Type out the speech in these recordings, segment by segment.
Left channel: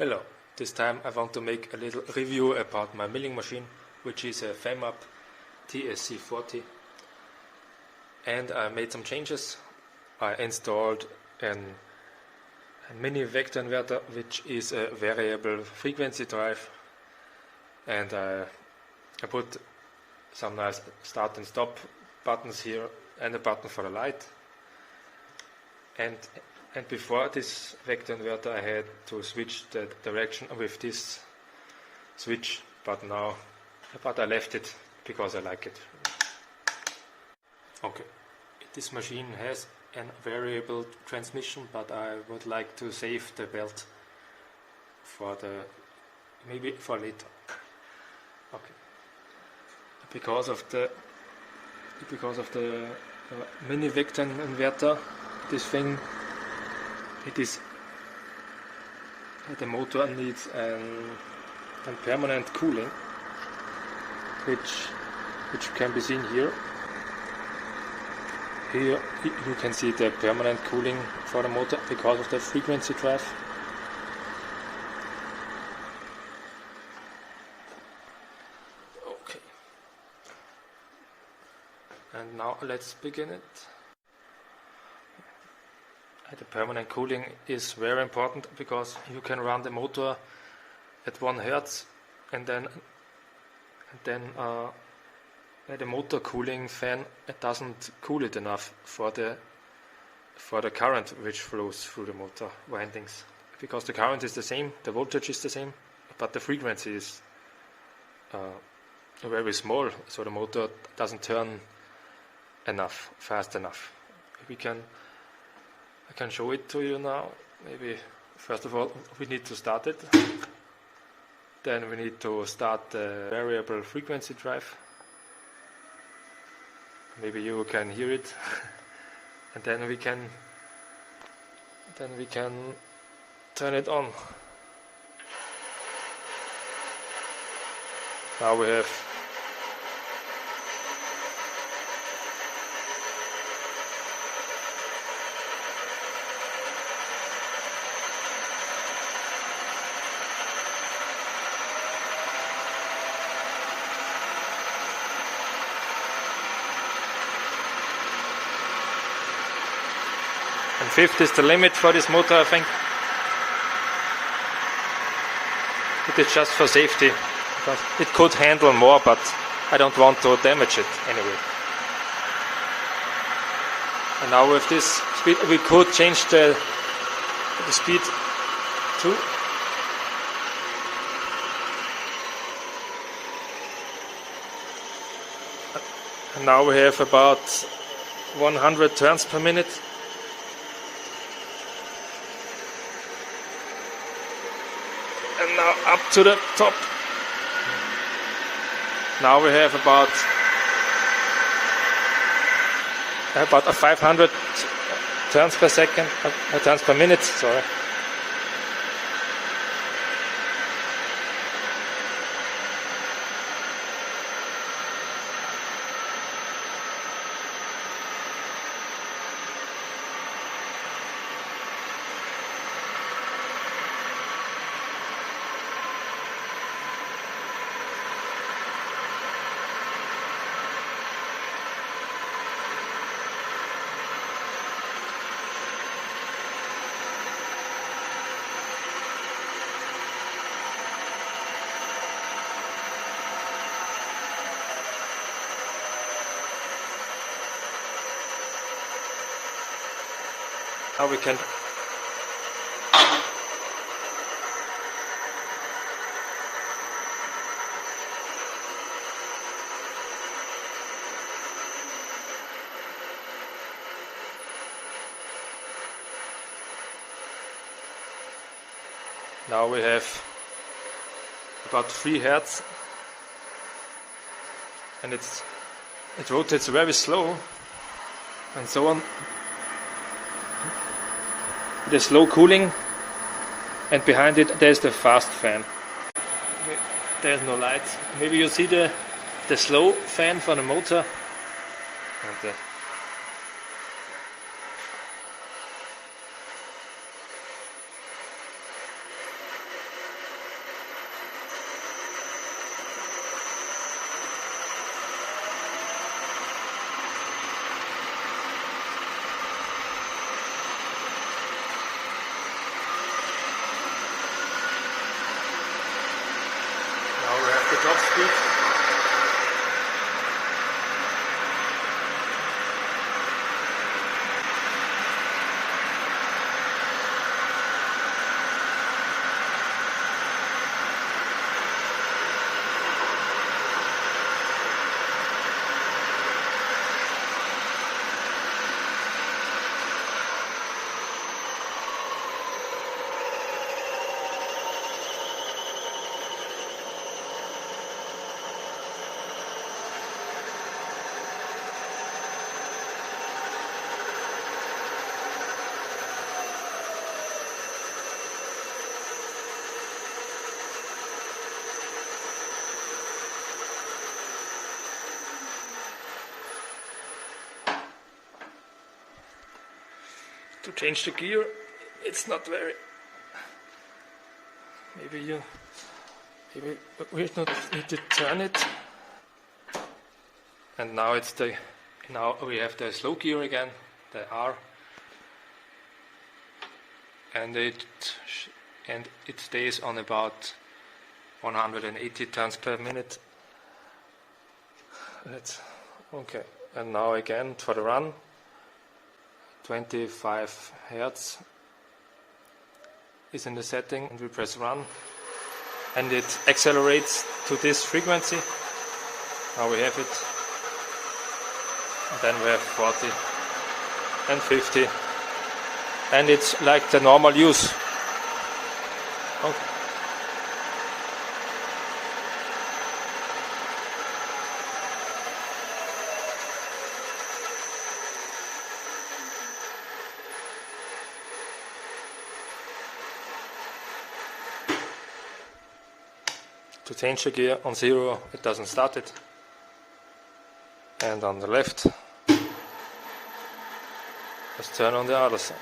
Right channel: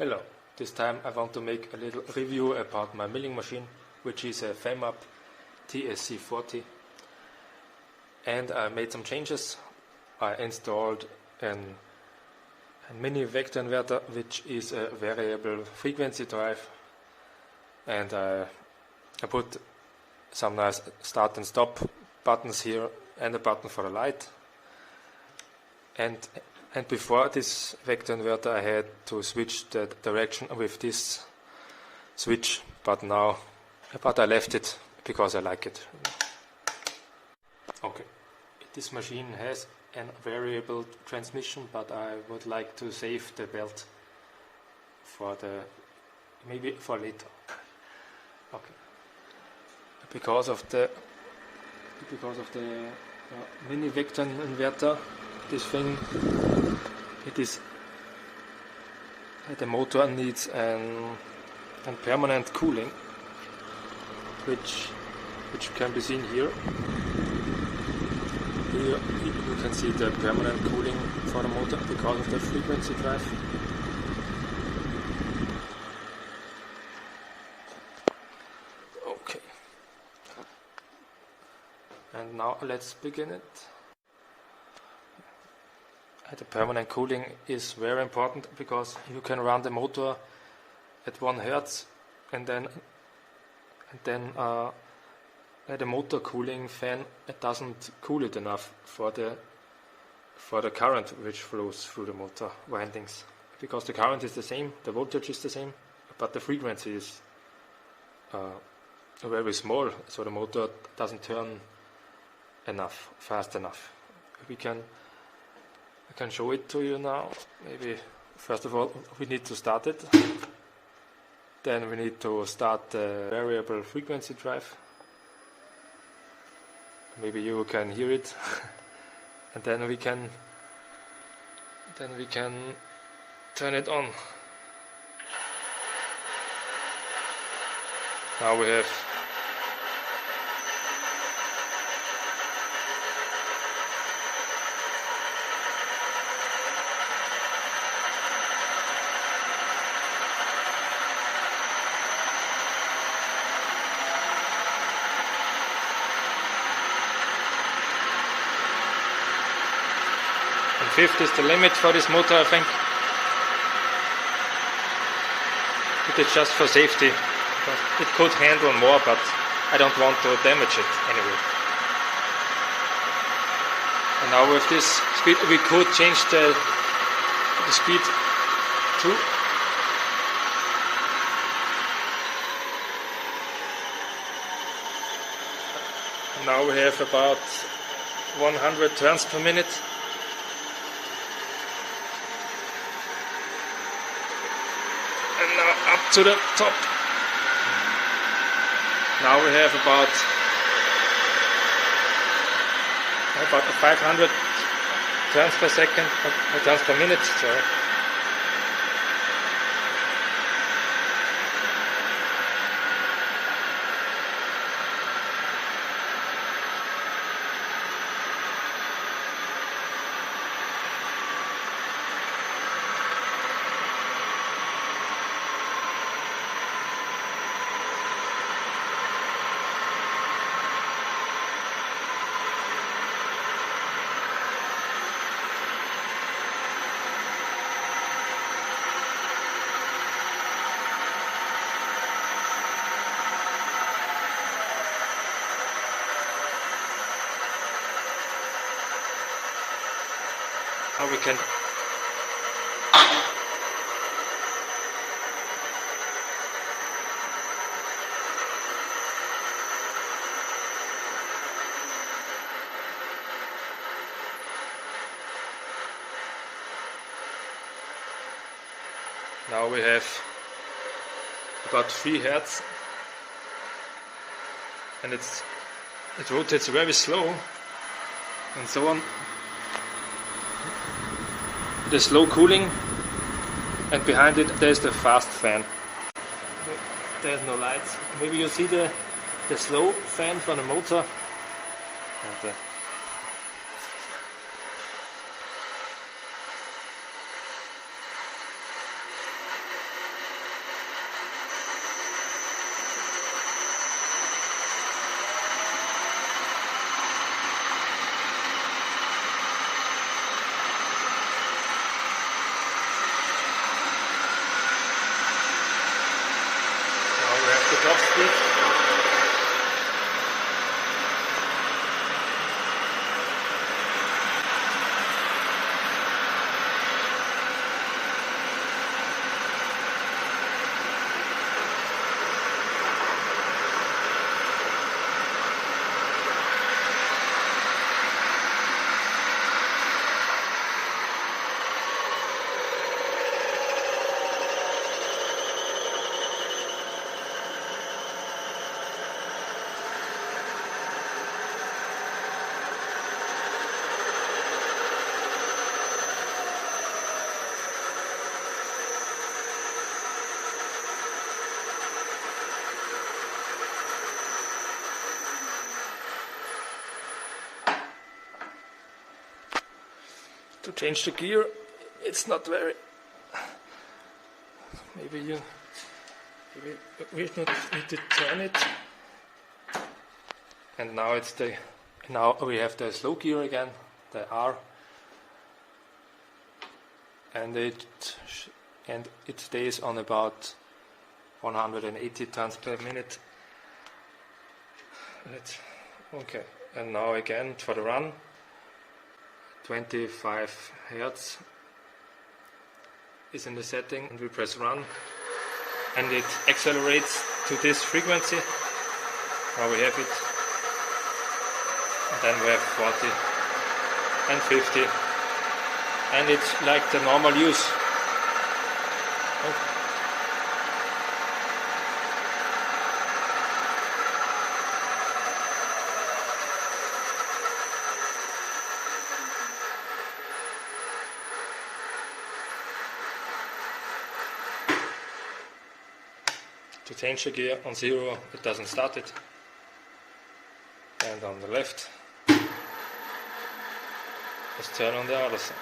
Hello, this time I want to make a little review about my milling machine, which is a Famup TSC 40, and I made some changes. I installed a mini vector inverter, which is a variable frequency drive, and I put some nice start and stop buttons here and a button for the light. And before this vector inverter I had to switch the direction with this switch, but I left it because I like it. Okay, this machine has a variable transmission, but I would like to save the belt maybe for later. Okay, because of the mini vector inverter, this thing, the motor needs a permanent cooling, which can be seen here. Here you can see the permanent cooling for the motor because of the frequency drive. Okay, and now let's begin it. The permanent cooling is very important because you can run the motor at 1 Hertz and then the motor cooling fan, it doesn't cool it enough for the current which flows through the motor windings, because the current is the same, the voltage is the same, but the frequency is very small, so the motor doesn't turn fast enough. I can show it to you now. Maybe first of all we need to start it. Then we need to start the variable frequency drive. Maybe you can hear it. And then we can turn it on. Now we have and 50 is the limit for this motor, I think. It is just for safety. It could handle more, but I don't want to damage it anyway. And now with this speed, we could change the speed too. And now we have about 100 turns per minute. And now up to the top. Now we have about 500 turns per second, turns per minute, sorry. How we can now we have about 3 Hertz, and it rotates very slow, and so on. The slow cooling, and behind it there's the fast fan. There's no lights. Maybe you see the slow fan for the motor. And the top speed. To change the gear, it's not very. Maybe you not need to turn it. And now now we have the slow gear again, the R, and it stays on about 180 turns per minute. Okay, and now again for the run. 25 Hertz is in the setting, and we press run and it accelerates to this frequency. Now we have it, and then we have 40 and 50, and it's like the normal use. Okay. To change the gear on 0, it doesn't start it. And on the left, let's turn on the other side.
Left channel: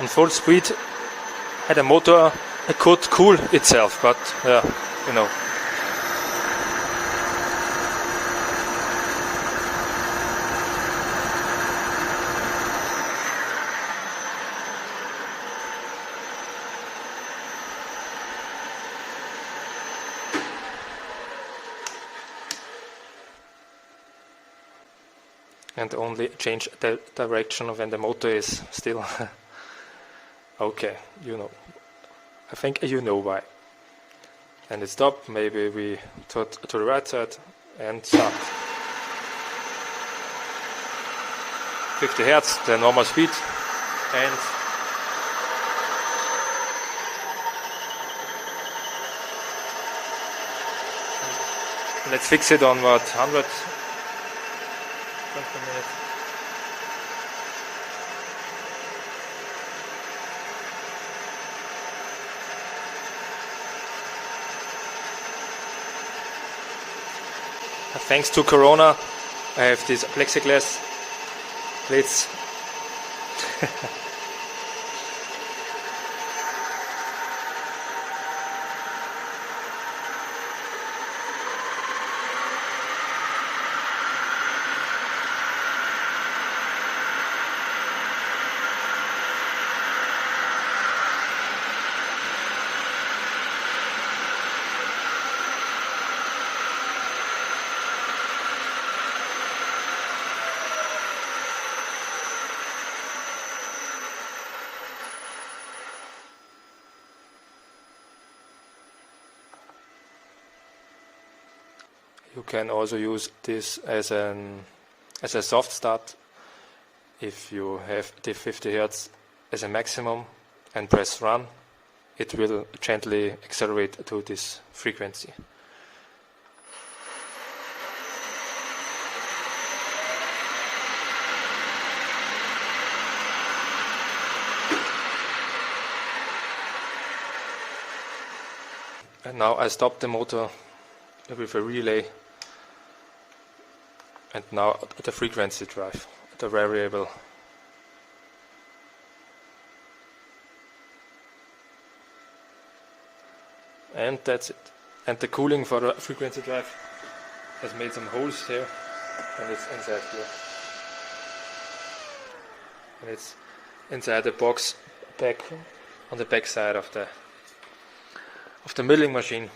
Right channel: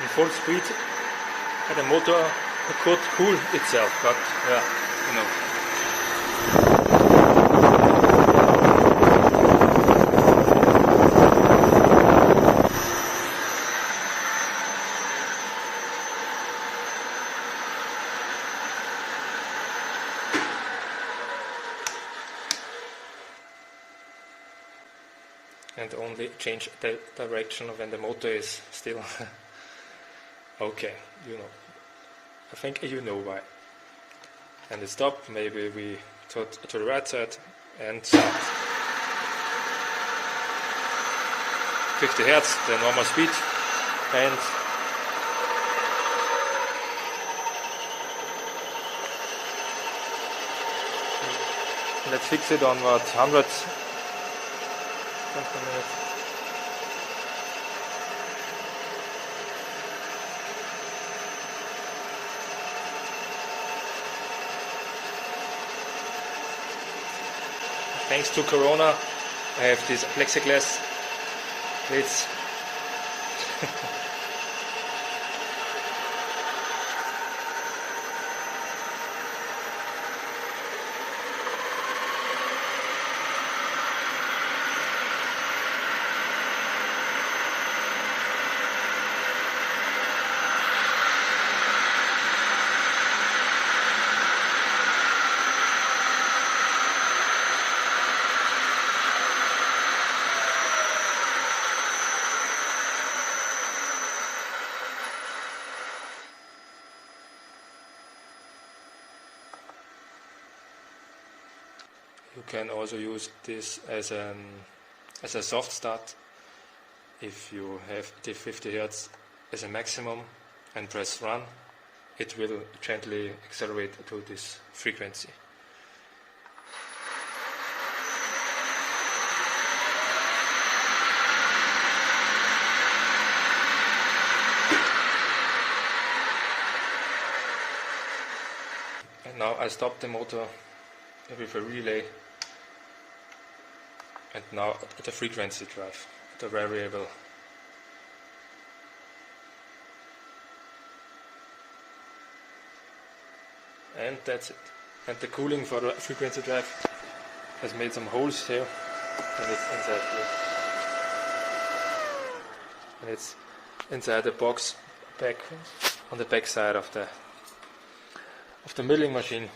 In full speed, the motor could cool itself, but yeah, you know. And only change the direction when the motor is still okay, you know. I think you know why. And it stopped, maybe we to the right side and start. 50 Hertz, the normal speed, and let's fix it on what, 100 per minute. Thanks to Corona, I have this plexiglass plates. You can also use this as a soft start. If you have the 50 Hertz as a maximum and press run, it will gently accelerate to this frequency. And now I stop the motor with a relay, and now the frequency drive, the variable. And that's it. And the cooling for the frequency drive has made some holes here, and it's inside here. and it's inside the box back on the back side of the milling machine.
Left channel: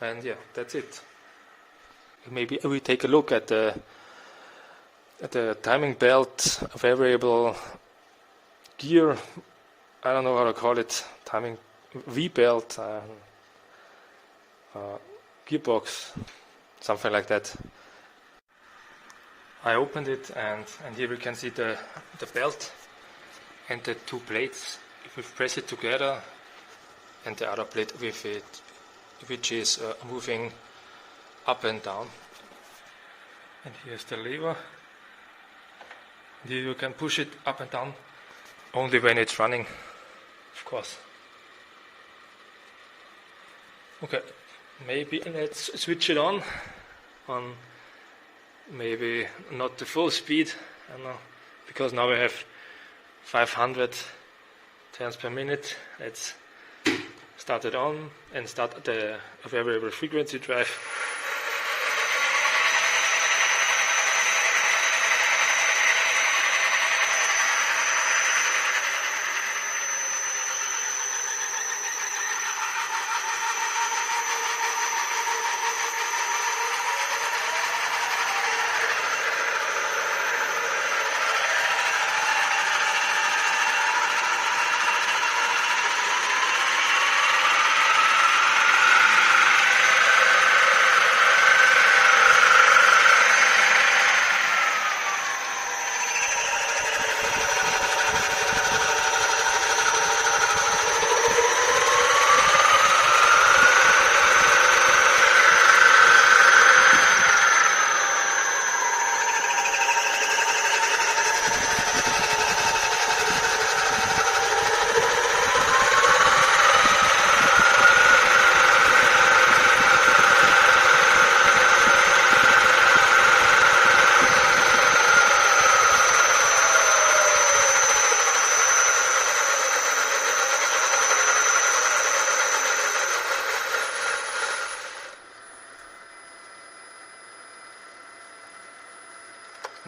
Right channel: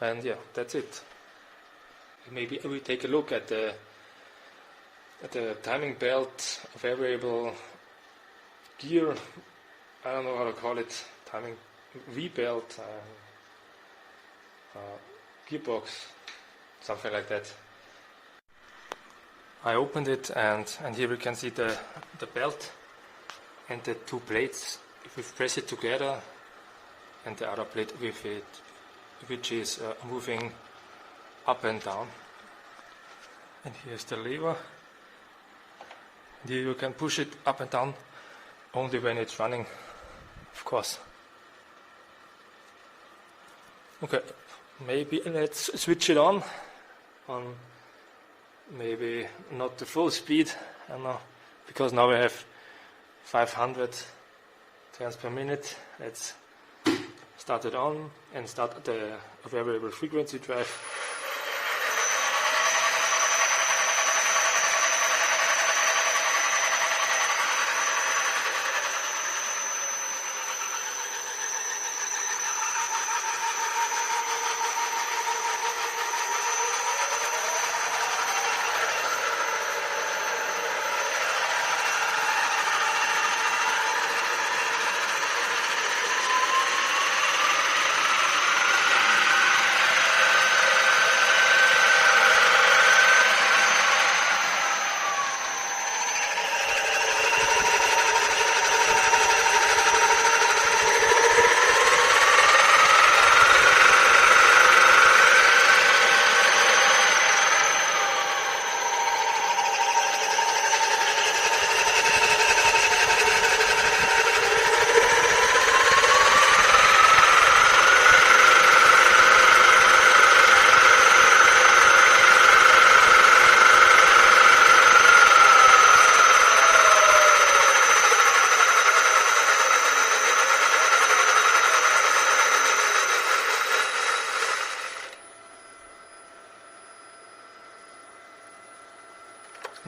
And yeah, that's it. Maybe we take a look at the timing belt, variable gear, I don't know how to call it, timing V-belt, gearbox, something like that. I opened it, and here we can see the belt and the two plates. If we press it together, and the other plate with it, which is moving up and down. And here's the lever. And here you can push it up and down only when it's running, of course. Okay, maybe let's switch it on maybe not the full speed, I don't know, because now we have 500 turns per minute. Let's start it on and start the variable frequency drive.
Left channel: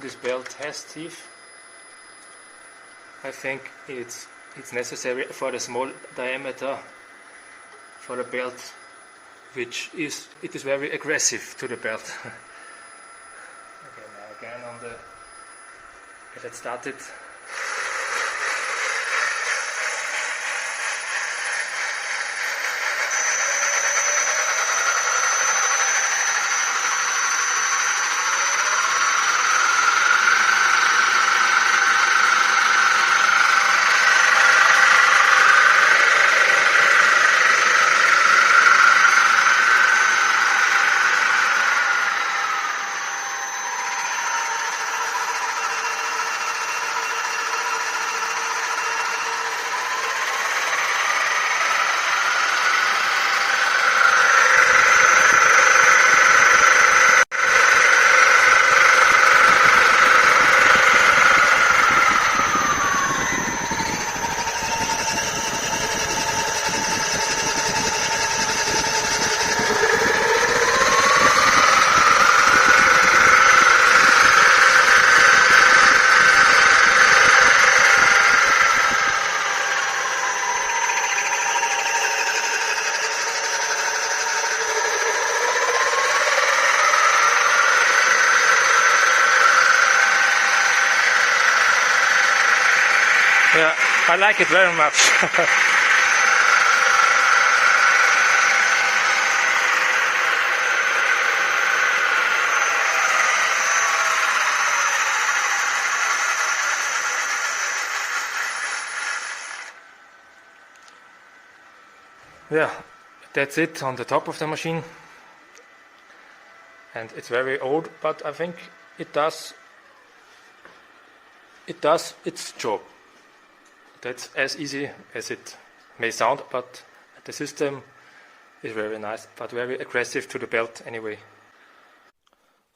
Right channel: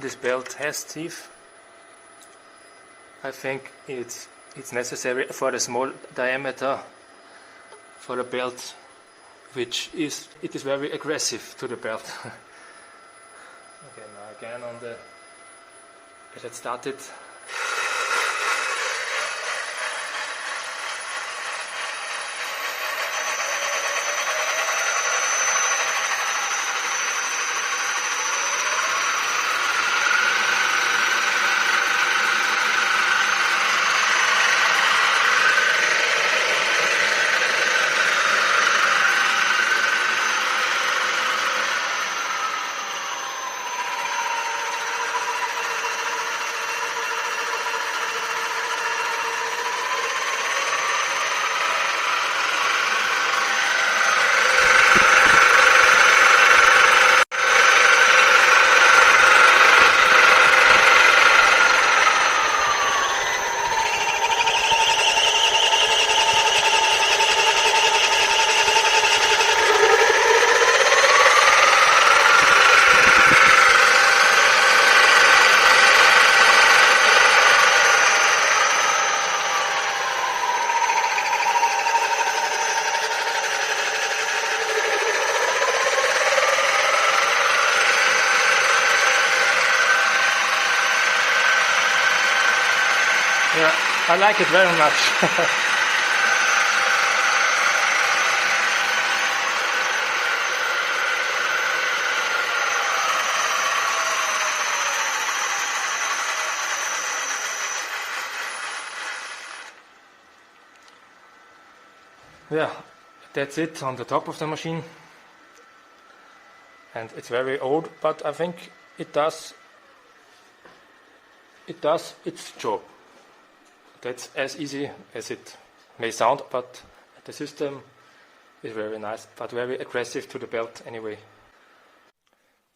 This belt has teeth. I think it's necessary for the small diameter for the belt, it is very aggressive to the belt. Okay, now again on the, let's start it. Yeah, I like it very much. Yeah, that's it on the top of the machine. And it's very old, but I think it does its job. That's as easy as it may sound, but the system is very nice, but very aggressive to the belt anyway.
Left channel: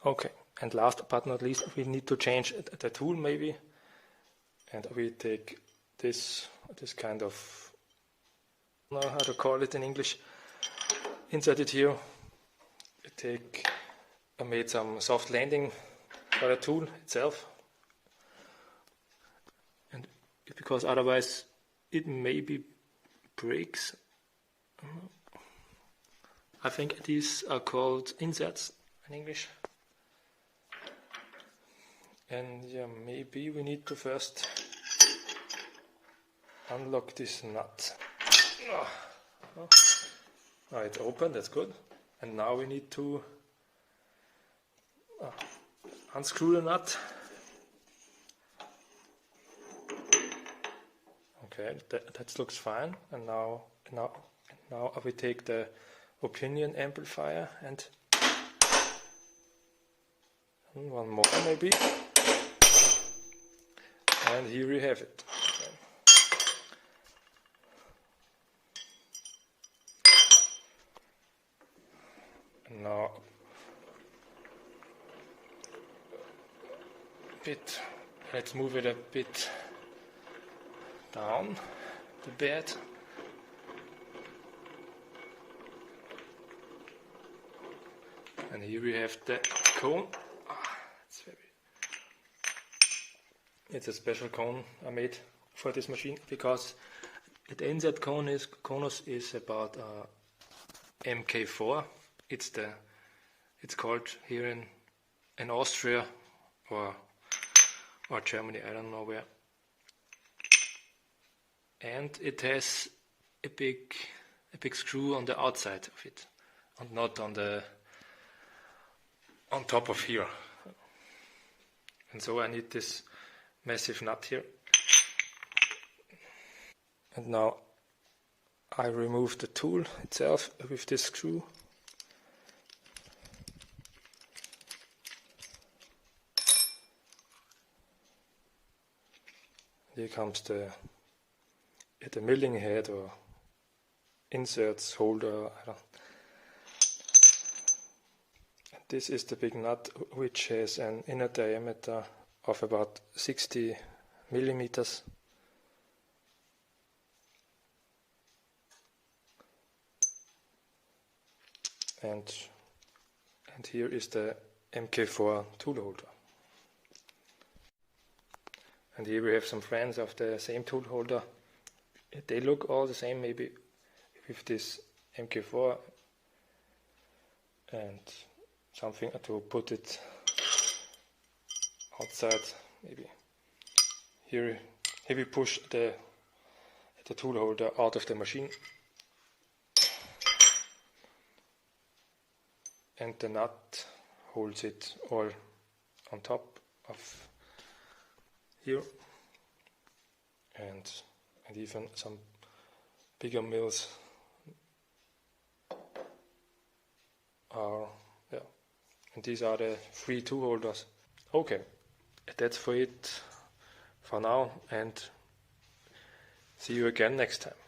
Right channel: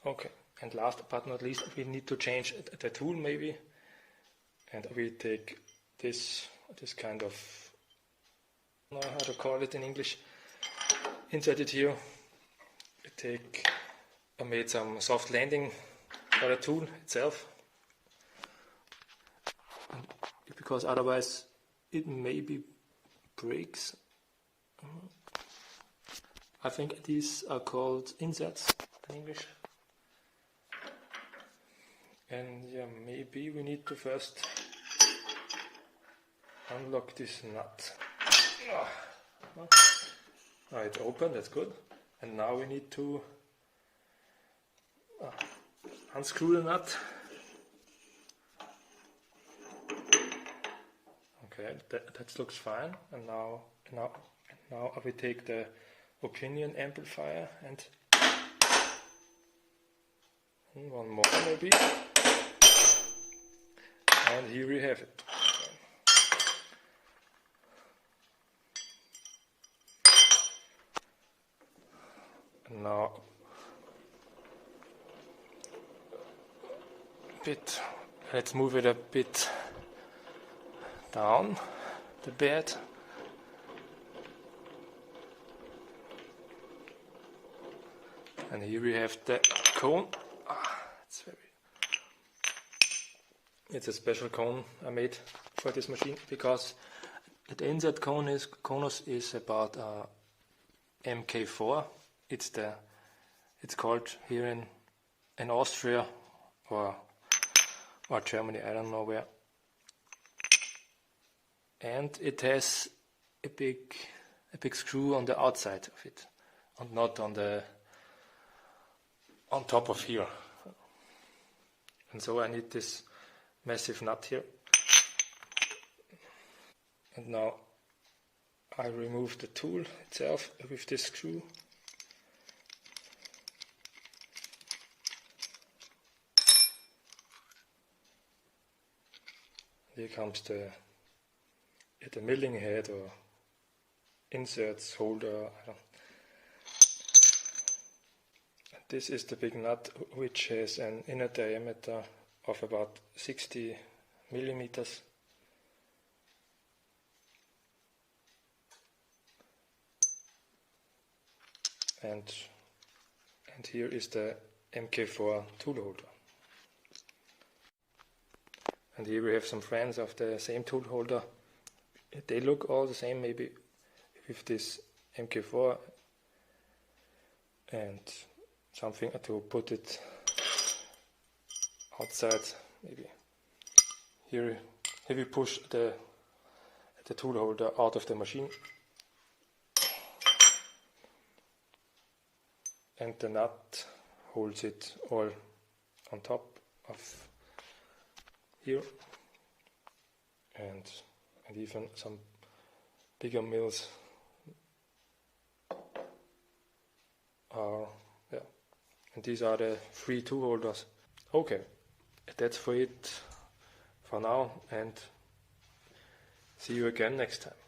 Okay, and last but not least, we need to change the tool maybe. And we take this kind of, I don't know how to call it in English, insert it here. I made some soft landing for the tool itself. because otherwise it maybe breaks. I think these are called inserts in English. And yeah, maybe we need to first unlock this nut. Alright, open, that's good. And now we need to unscrew the nut. Okay, that looks fine. And now we take the opinion amplifier and one more maybe. And here we have it. And now let's move it a bit down the bed. And here we have the cone. It's a special cone I made for this machine because the insert conus is about MK4. It's called here in Austria or Germany, I don't know where. And it has a big screw on the outside of it, and not on top of here. And so I need this massive nut here. And now I remove the tool itself with this screw. Here comes the milling head or inserts holder. This is the big nut, which has an inner diameter of about 60 millimeters. And here is the MK4 tool holder. And here we have some friends of the same tool holder. They look all the same, maybe with this MK4 and something to put it outside. Maybe here we push the tool holder out of the machine, and the nut holds it all on top of here, and even some bigger mills are, and these are the 3 tool holders. Okay, that's for it for now, and see you again next time.